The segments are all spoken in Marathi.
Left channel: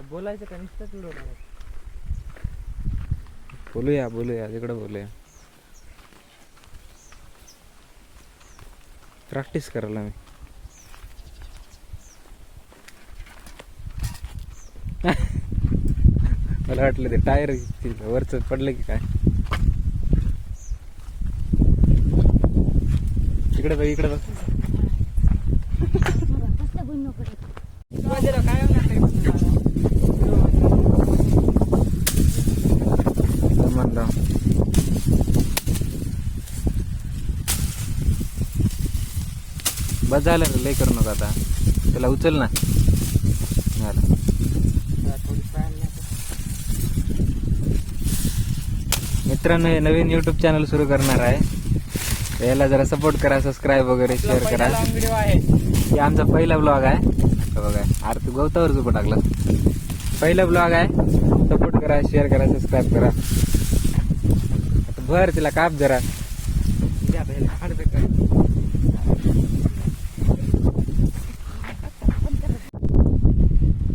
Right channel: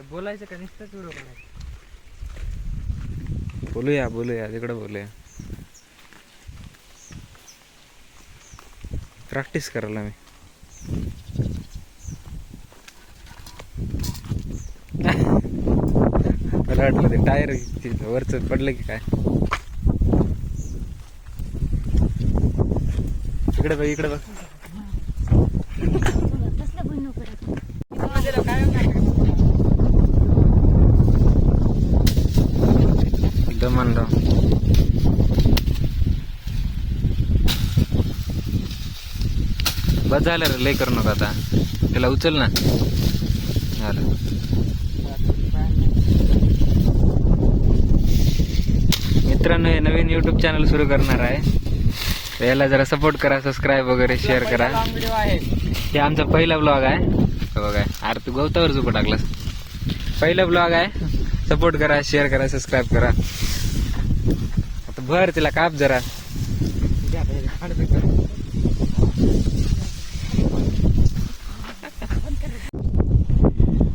बोलायचं का नुसतंच व्हिडिओ करायचं? बोलूया तिकडं बोलूया. प्रॅक्टिस करायला मी. मला वाटलं ते टायर वरच पडलं की काय. इकडे बघ इकडे बघ. दमनराव बस झालं रे, लय करू नका आता. त्याला उचल ना. झालं. मित्रांनो, हे नवीन यूट्यूब चॅनल सुरू करणार आहे, तर याला जरा सपोर्ट करा, सबस्क्राईब वगैरे शेअर करा. हे आमचा पहिला ब्लॉग आहे बघा. अरे तू गवतावर झोपा टाकलास. पहिला ब्लॉग आहे, सपोर्ट करा, शेअर करा, सबस्क्राईब करा. आता भर तिला काप जरा.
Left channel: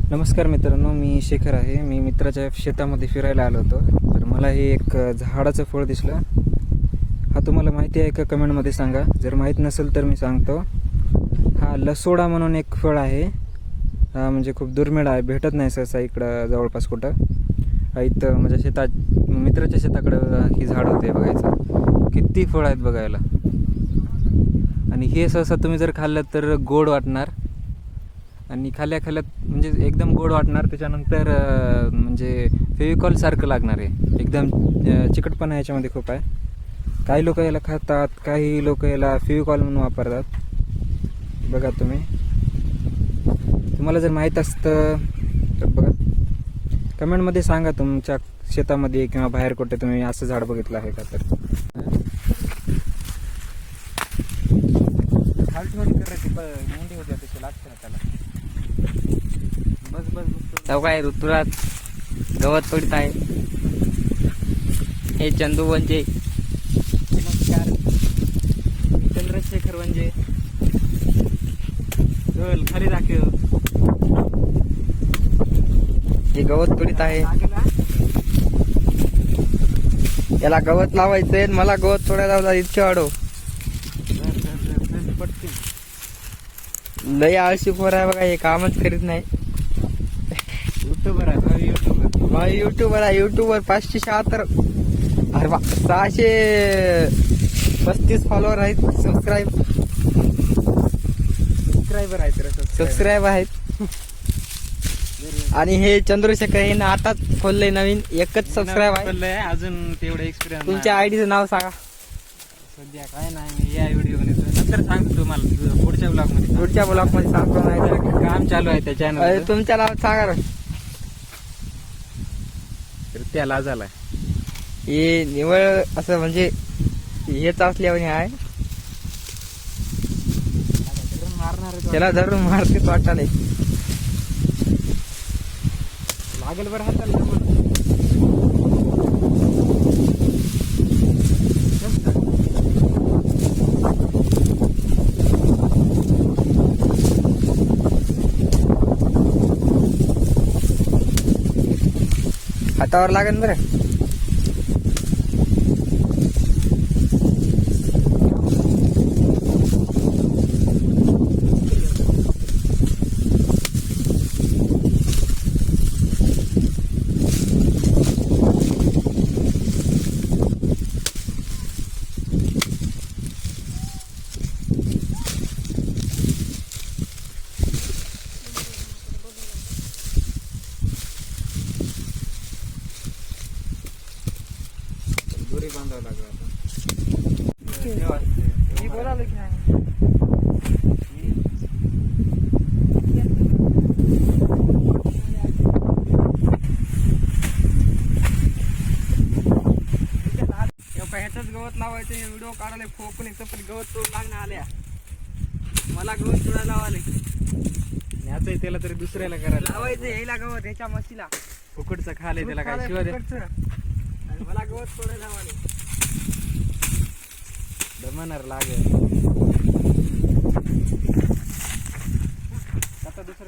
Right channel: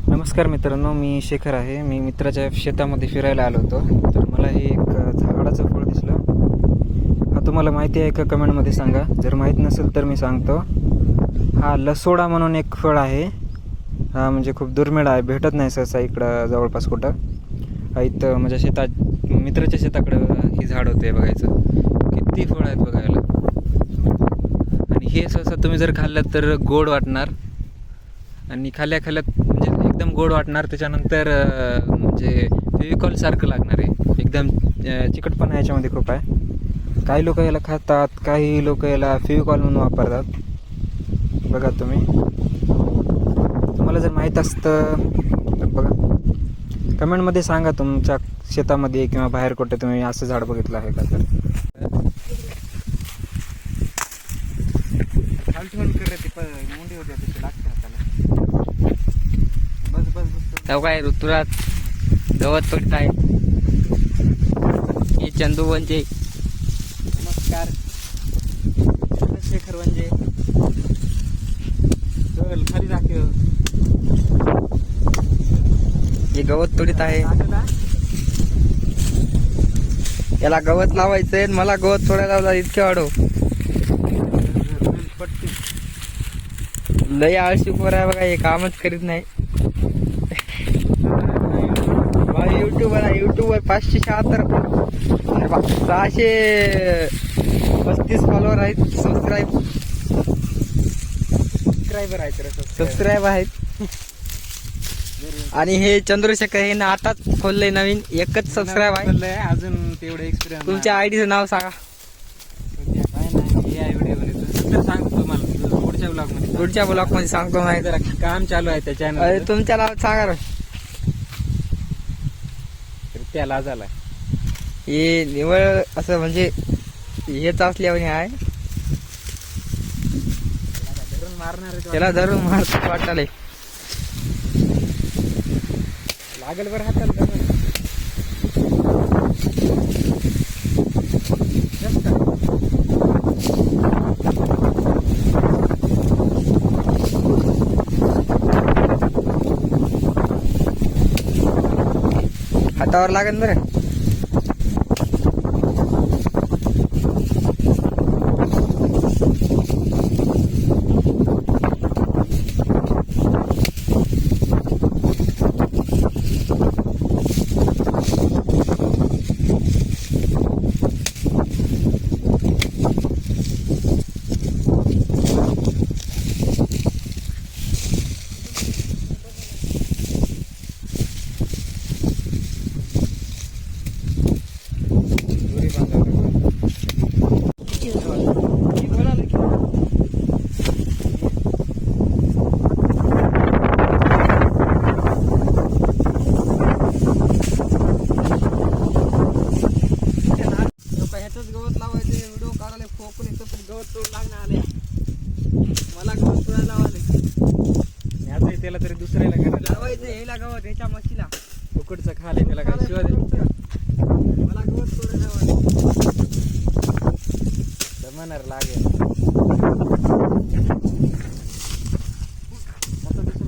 नमस्कार मित्रांनो, मी शेखर आहे. मी मित्राच्या शेतामध्ये फिरायला आलो होतो, तर मला हे एक झाडाचं फळ दिसलं. हा तुम्हाला माहिती आहे का? कमेंटमध्ये सांगा. जर माहीत नसेल तर मी सांगतो. हा लसोडा म्हणून एक फळ आहे. हा म्हणजे खूप दुर्मिळ आहे, भेटत नाही सहसा इकडं जवळपास कुठं. इथं माझ्या शेतात, मित्राच्या शेताकडं ही झाड होते बघायचं. किती फळ आहेत बघायला. आणि हे सहसा तुम्ही जर खाल्लं तर गोड वाटणार, आणि खाल्ल्यात म्हणजे एकदम गोड वाटणार. त्याच्यानंतर म्हणजे फेविकॉल सारखं लागणार आहे. एकदम चिकटपणा याच्यामध्ये खूप आहे. काही लोक याला खातात, काही लोक याला फेविकॉल म्हणून वापरतात. बघा तुम्हाला जर माहीत असतं तर बघा, कमेंटमध्ये सांगा तुमच्या शेतामध्ये किंवा बाहेर कुठे तुम्ही असं झाड बघितलं आहे का. तर काय ऋतुराज गवत तोडत आहे. हे चंदू वंजे. नमस्कार, चंद्रशेखर वंजे. चल खाली दाखव. हे गवत तोडीत आहे. याला गवत लावायचंय, मला गवत तोडायला लावला. इतके वाढव. लय आळशी खोर आहे बघा, हे कामच करीत नाही. युट्यूबर आहे, युट्यूबवर 576, अरे बा 635 फॉलोअर आहेत. सबस्क्राईब आहेत. आणि हे चंद्रशेखर हे ना आताच खोललंय नवीन, एकच सबस्क्राईब आहे अजून तेवढं एक्सपिरियन्स. तुमच्या आयडीचं नाव सांगा. सध्या काय नाही, या व्हिडिओ बनवतो, नंतर सांगतो तुम्हाला पुढच्या ब्लॉग मध्ये सांगतो. माहिती काम चालू आहे त्याच्या. अरे तुमच्या नाव सांगा. त्याला झाला हे निवळ असं म्हणजे हेच असल्यावर आहे. त्याला धरून मारत वाटाले. लागेल बरं. हातावर लागेल बरं. गवत लावायचं व्हिडिओ काढायला फोकून येतं, पण गवत तोड लागणार आल्या. मला गवत तोडायला लावाले. त्याला तरी दुसऱ्याला करायला लावायचं. यायला गवत ह्याच्या मशीला कुकडचं खाले, त्याला काय शिवाय मला गवत तोडायला लावाले. दमणार लागेल. आता दुसरं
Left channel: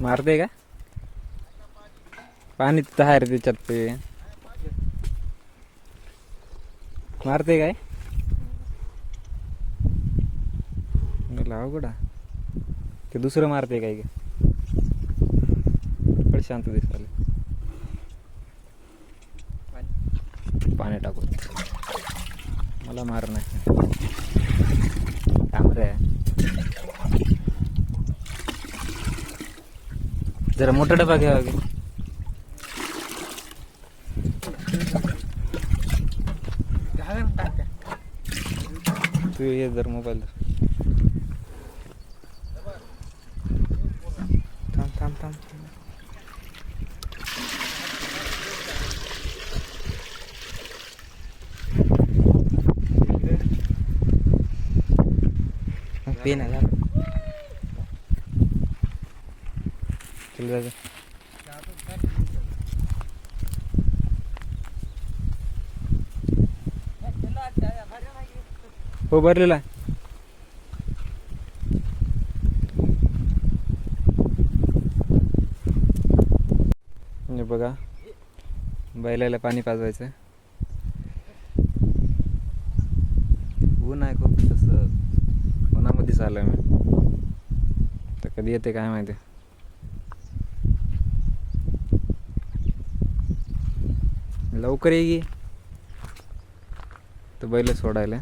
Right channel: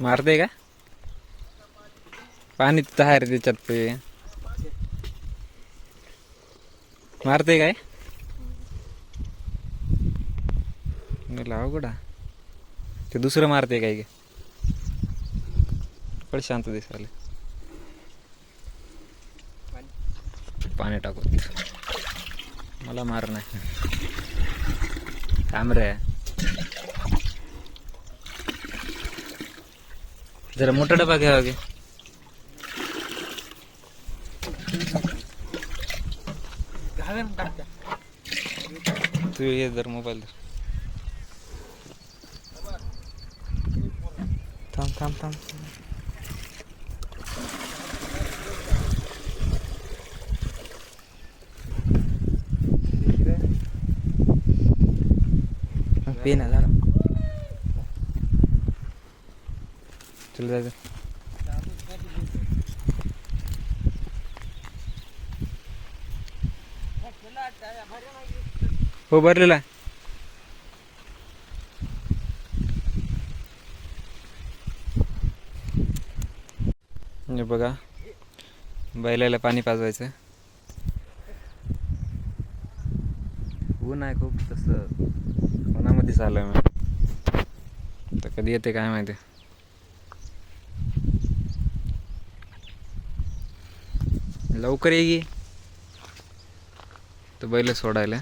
मारते का पाणी तिथं आहे रे त्याच्यात ते मारते काय अवघड ते दुसरं मारते काय पण शांत दिसाले पाणी टाकू मला मार नाही थांब रे जरा मोठा डबा घ्यावा गे तू ये जर मोबाईल थांब थांब थांब पेन आहे झालं चल जायचं हो भरलेला आहे हे बघा बैलाला पाणी पाजवायचं ऊन आहे खूप तसं उन्हामध्येच आलं मी तर कधी येते काय माहिती लवकर ये गी तर बैल सोडायला